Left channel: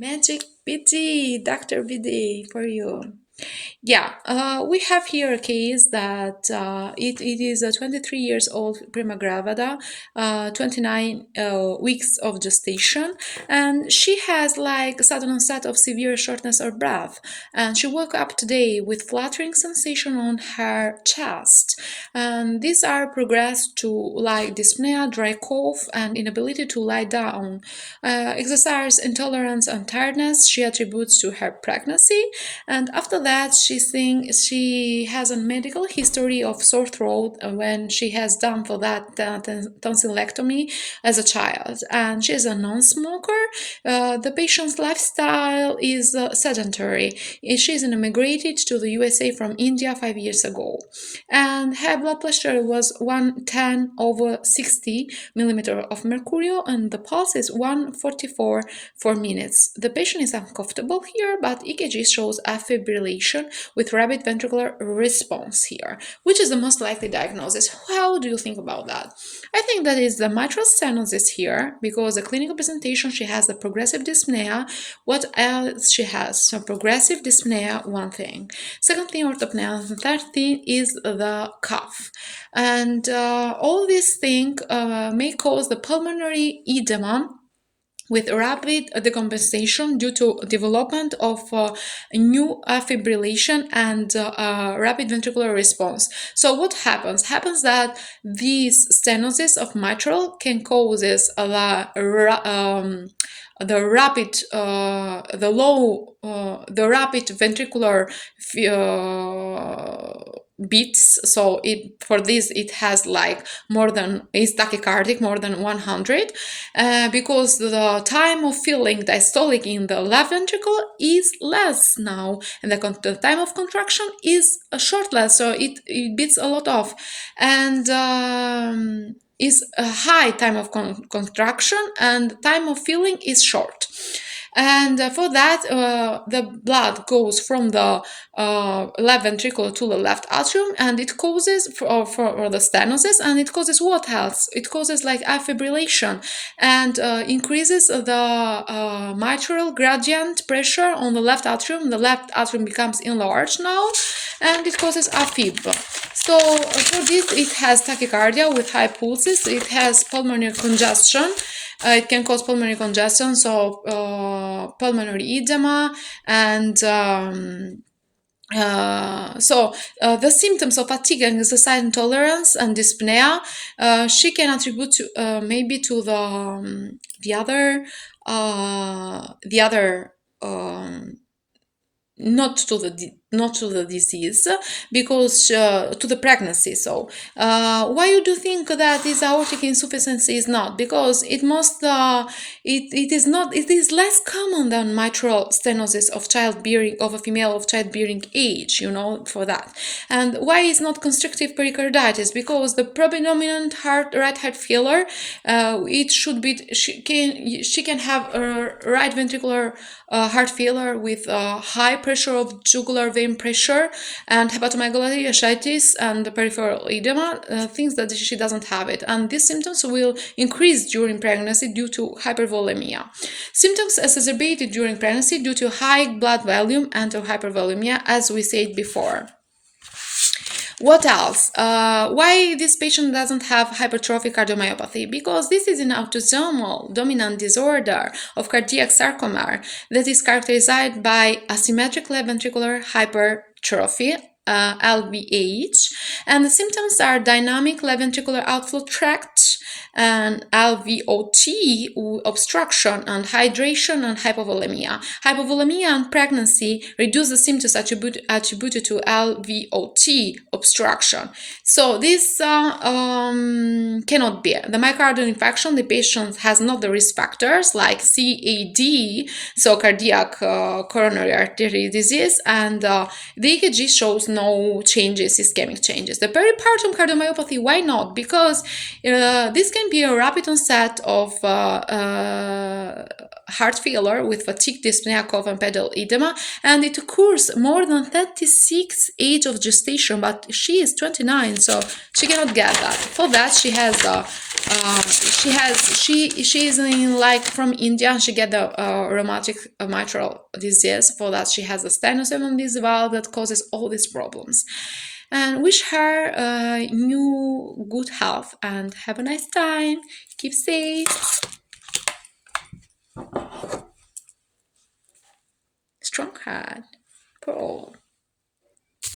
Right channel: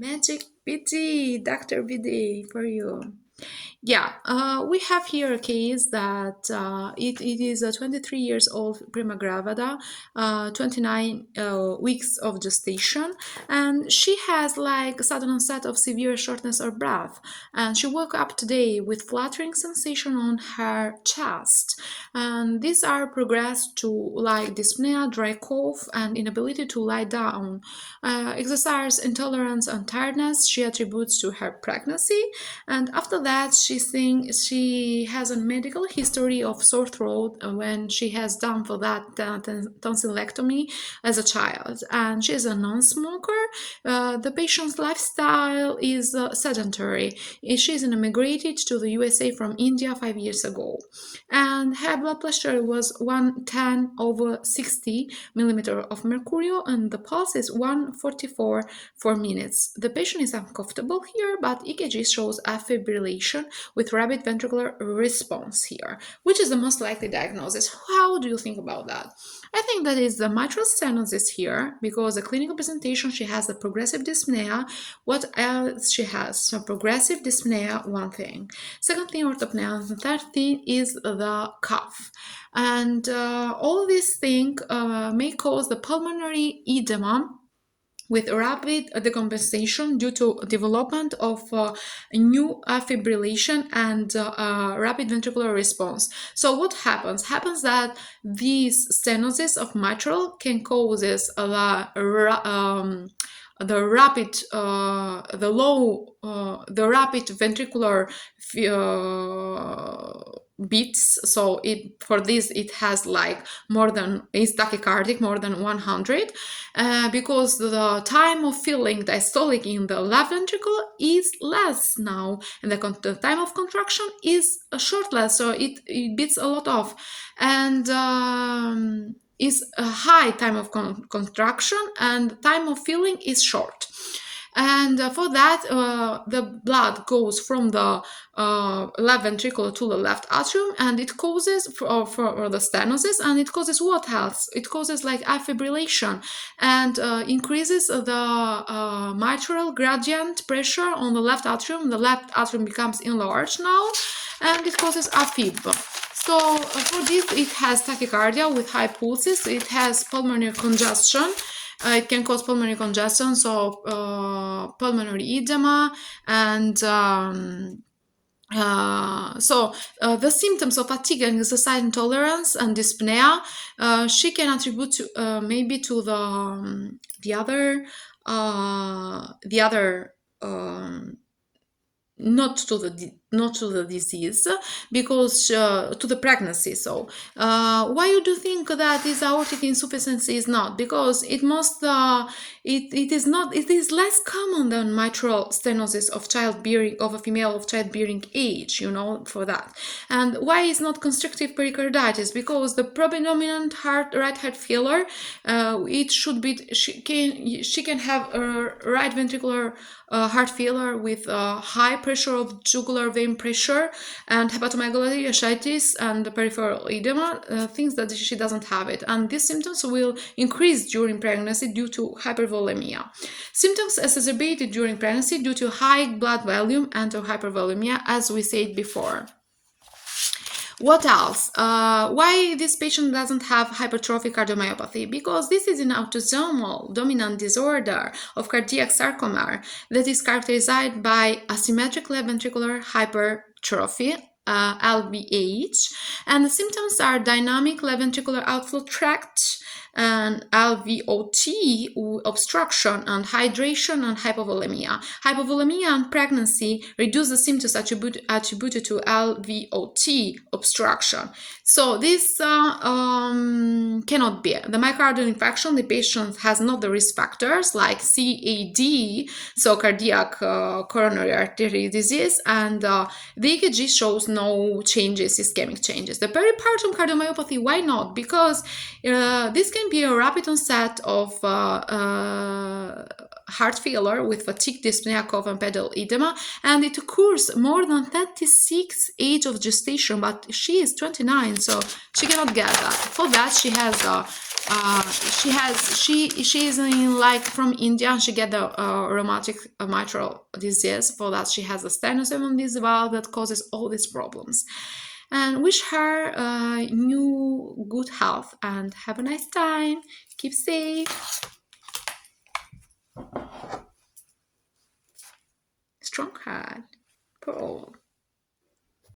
Magic BD, Dr. BD for you. Yeah, we have here a case that it is a 23 years old prima gravida, 29 weeks of gestation, and she has like sudden onset of severe shortness of breath. And she woke up today with fluttering sensation on her chest. And these are progressed to like dyspnea, dry cough, and inability to lie down. Exercise intolerance and tiredness she attributes to her pregnancy, and after that she thinks she has a medical history of sore throat when she has done for that tonsillectomy as a child, and she's a non-smoker. The patient's lifestyle is sedentary. She's immigrated to the USA from India 5 years ago, and her blood pressure was 110 over 60 millimeter of mercury, and the pulse is 144 for minutes. The patient is uncomfortable here, but EKG shows a fibrillation with rapid ventricular response here, which is the most likely diagnosis. How do you think about that? I think that is the mitral stenosis here, because the clinical presentation, she has the progressive dyspnea. What else she has? So progressive dyspnea, one thing. Second thing, orthopnea. And third thing is the cough. And all these things may cause the pulmonary edema with rapid decompensation due to development of new fibrillation and rapid ventricular response. So what happens? Happens that these stenosis of mitral can cause the rapid ventricular beats. So for this it has like more than, is tachycardic more than 100, because the time of feeling diastolic in the left ventricle is less now, and the time of contraction is short less, so it beats a lot off, and is a high time of contraction, and time of feeling is short. And for that, the blood goes from the left ventricle to the left atrium, and it causes for the stenosis, and it causes what else? It causes like fibrillation, and increases the mitral gradient pressure on the left atrium. The left atrium becomes enlarged now, and it causes AFib. So for this, it has tachycardia with high pulses. It has pulmonary congestion. It can cause pulmonary congestion, so pulmonary edema, and the symptoms of fatigue and exercise intolerance and dyspnea, she can attribute to maybe to the other not to the disease, because to the pregnancy. So why you do think that this aortic insufficiency is not? Because it must it is less common than mitral stenosis of childbearing, of a female of childbearing age, for that. And why is not constrictive pericarditis? Because the predominant right heart failure, it should be, she can have a right ventricular heart failure with high pressure of jugular vein pressure and hepatomegaly, ascites, and peripheral edema, things that she doesn't have it. And these symptoms will increase during pregnancy due to hypervolemia. Symptoms exacerbated during pregnancy due to high blood volume and to hypervolemia, as we said before. What else? Why this patient doesn't have hypertrophic cardiomyopathy? Because this is an autosomal dominant disorder of cardiac sarcomere that is characterized by asymmetric left ventricular hypertrophy, LVH, and the symptoms are dynamic left ventricular outflow tract and LVOT, obstruction and hydration and hypovolemia. Hypovolemia and pregnancy reduce the symptoms attributed to LVOT obstruction. So this cannot be. The myocardial infarction, the patient has not the risk factors like CAD, so cardiac coronary artery disease, and the EKG shows no changes, ischemic changes. The peripartum cardiomyopathy, why not? Because this can be a rapid onset of heart failure with fatigue, dyspnea, cough, and pedal edema, and it occurs more than 36 age of gestation, but she is 29, so she cannot get that. For that, she has she's in like from India. She get the rheumatic mitral disease. For that, she has a stenosis on this valve that causes all these problems. And wish her new good health and have a nice time. Keep safe.